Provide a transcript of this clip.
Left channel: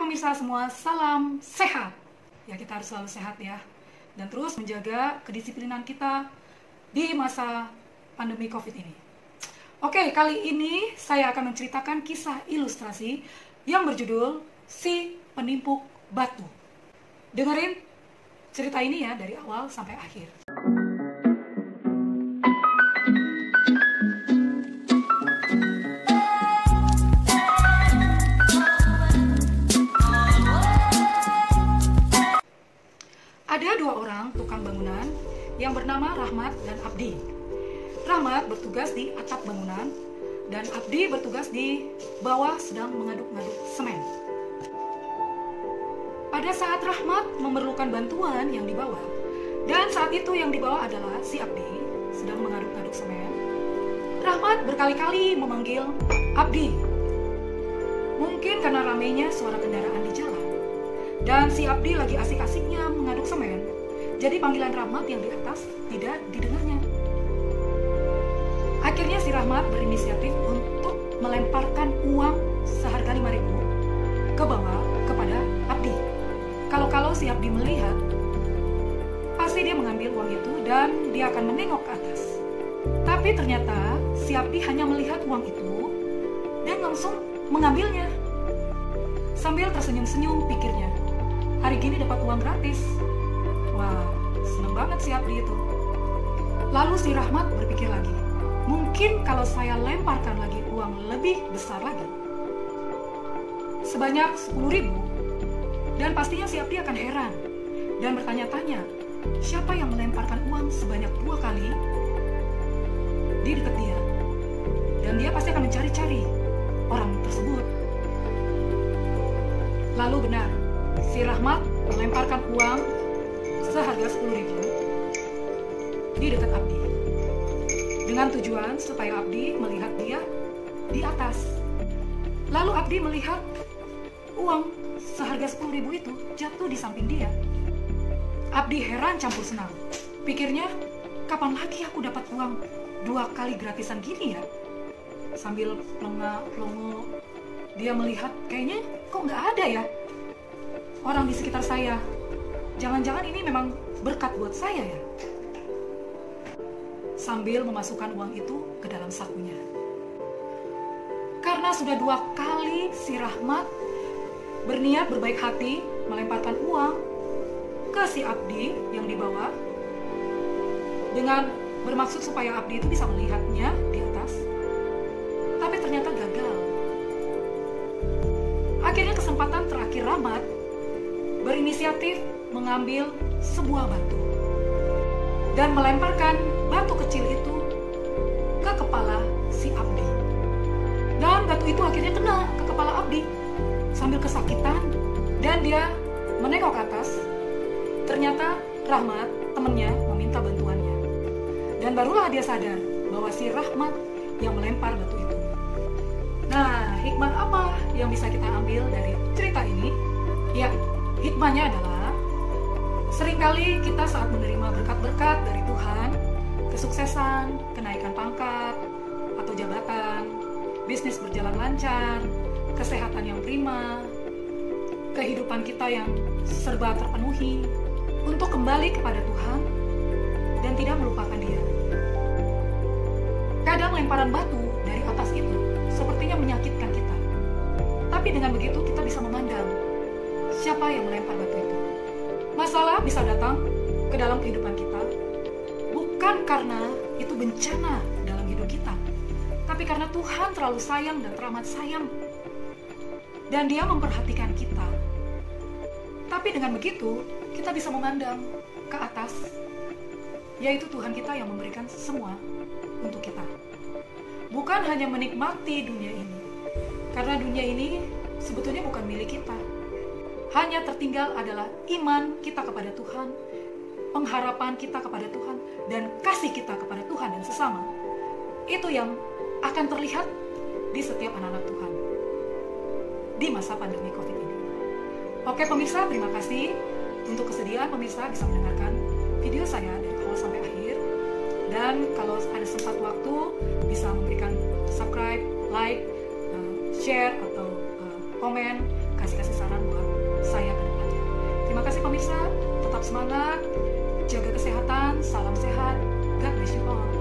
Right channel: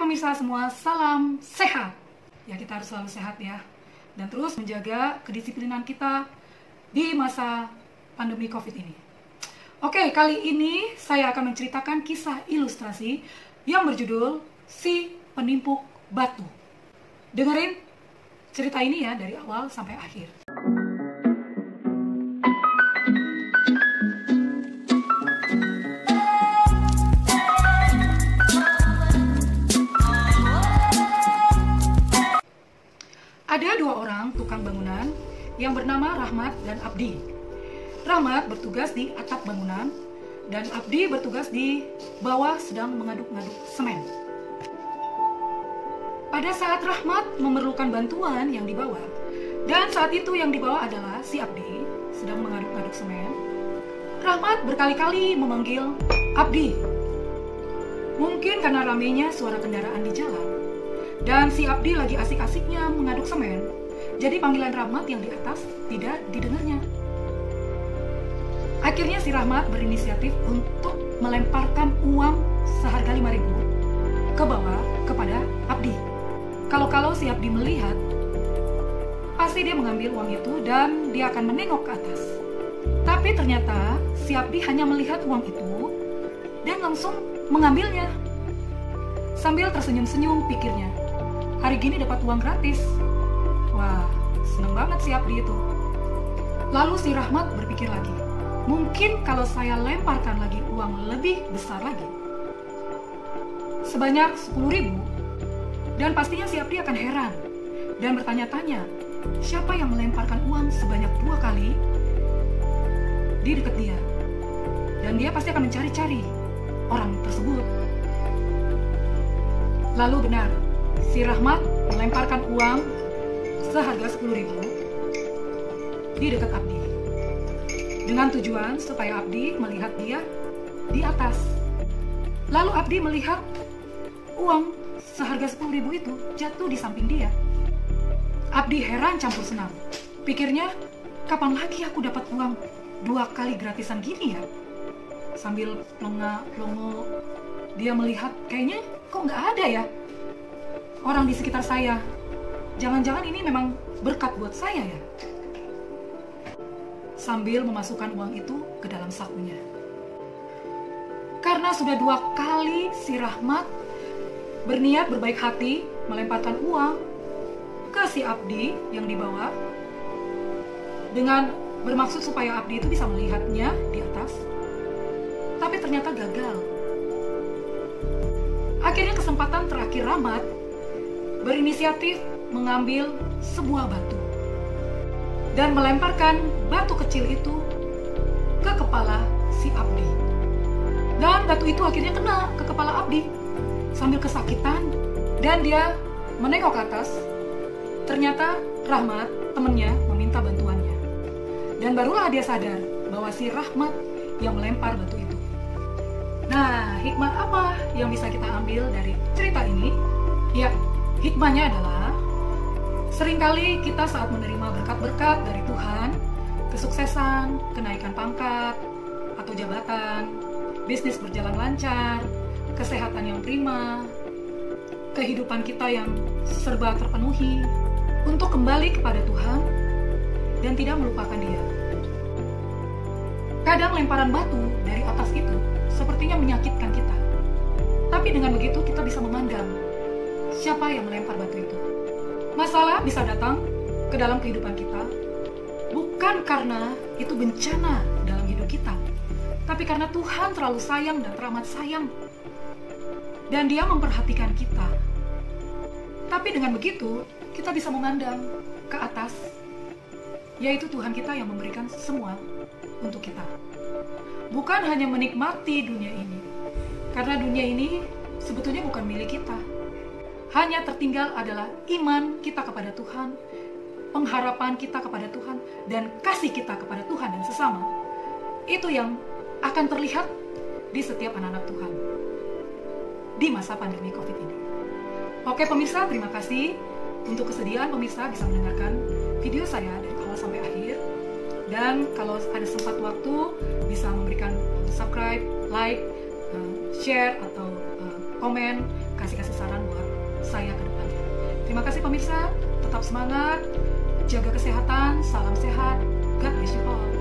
pemirsa semua, salam sehat. Ya, kita harus selalu sehat ya. Dan terus menjaga kedisiplinan kita di masa pandemi COVID ini. Oke, kali ini saya akan menceritakan kisah ilustrasi yang berjudul Si Penimpuk Batu. Dengerin cerita ini ya dari awal sampai akhir. Ada dua orang tukang bangunan yang bernama Rahmat dan Abdi. Rahmat bertugas di atap bangunan dan Abdi bertugas di bawah sedang mengaduk-ngaduk semen. Pada saat Rahmat memerlukan bantuan yang di bawah, dan saat itu yang di bawah adalah si Abdi sedang mengaduk-ngaduk semen, Rahmat berkali-kali memanggil Abdi. Mungkin karena ramainya suara kendaraan di jalan, dan si Abdi lagi asik-asiknya mengaduk semen, jadi panggilan Rahmat yang di atas tidak didengarnya. Akhirnya si Rahmat berinisiatif untuk melemparkan uang seharga 5.000 ke bawah kepada Abdi. Kalau si Abdi melihat, pasti dia mengambil uang itu dan dia akan menengok ke atas. Tapi ternyata si Abdi hanya melihat uang itu dan langsung mengambilnya. Sambil tersenyum-senyum pikirnya, hari gini dapat uang gratis. Wah, seneng banget si Abdi itu. Lalu si Rahmat berpikir lagi, mungkin kalau saya lemparkan lagi uang lebih besar lagi, sebanyak 10.000, dan pastinya si Abdi akan heran dan bertanya-tanya, siapa yang melemparkan uang sebanyak 2 kali di dekat dia. Dan dia pasti akan mencari-cari orang tersebut. Lalu benar, si Rahmat melemparkan uang seharga 10.000 di dekat Abdi, dengan tujuan supaya Abdi melihat dia di atas. Lalu Abdi melihat uang seharga 10.000 itu jatuh di samping dia. Abdi heran campur senang. Pikirnya, kapan lagi aku dapat uang 2 kali gratisan gini ya? Sambil pelongo, dia melihat, kayaknya kok nggak ada ya orang di sekitar saya. Jangan-jangan ini memang berkat buat saya ya? Sambil memasukkan uang itu ke dalam sakunya. Karena sudah 2 kali si Rahmat berniat berbaik hati melemparkan uang ke si Abdi yang di bawah, dengan bermaksud supaya Abdi itu bisa melihatnya di atas, tapi ternyata gagal. Akhirnya kesempatan terakhir Rahmat berinisiatif mengambil sebuah batu dan melemparkan batu kecil itu ke kepala si Abdi. Dan batu itu akhirnya kena ke kepala Abdi sambil kesakitan, dan dia menengok ke atas. Ternyata Rahmat, temannya, meminta bantuannya. Dan barulah dia sadar bahwa si Rahmat yang melempar batu itu. Nah, hikmah apa yang bisa kita ambil dari cerita ini? Ya, hikmahnya adalah seringkali kita saat menerima berkat-berkat dari Tuhan, kesuksesan, kenaikan pangkat atau jabatan, bisnis berjalan lancar, kesehatan yang prima, kehidupan kita yang serba terpenuhi, untuk kembali kepada Tuhan dan tidak melupakan Dia. Kadang lemparan batu dari atas itu sepertinya menyakitkan kita. Tapi dengan begitu kita bisa memandang siapa yang melempar batu itu. Masalah bisa datang ke dalam kehidupan kita bukan karena itu bencana dalam hidup kita, tapi karena Tuhan terlalu sayang dan teramat sayang, dan Dia memperhatikan kita. Tapi dengan begitu kita bisa memandang ke atas, yaitu Tuhan kita yang memberikan semua untuk kita. Bukan hanya menikmati dunia ini, karena dunia ini sebetulnya bukan milik kita. Hanya tertinggal adalah iman kita kepada Tuhan, pengharapan kita kepada Tuhan, dan kasih kita kepada Tuhan dan sesama. Itu yang akan terlihat di setiap anak-anak Tuhan di masa pandemi COVID ini. Oke pemirsa, terima kasih untuk kesediaan pemirsa bisa mendengarkan video saya dari awal sampai akhir. Dan kalau ada sempat waktu, bisa memberikan subscribe, like, share, atau komen kasih saran buat saya ke depannya. Terima kasih pemirsa, tetap semangat, jaga kesehatan, salam sehat, God bless you all.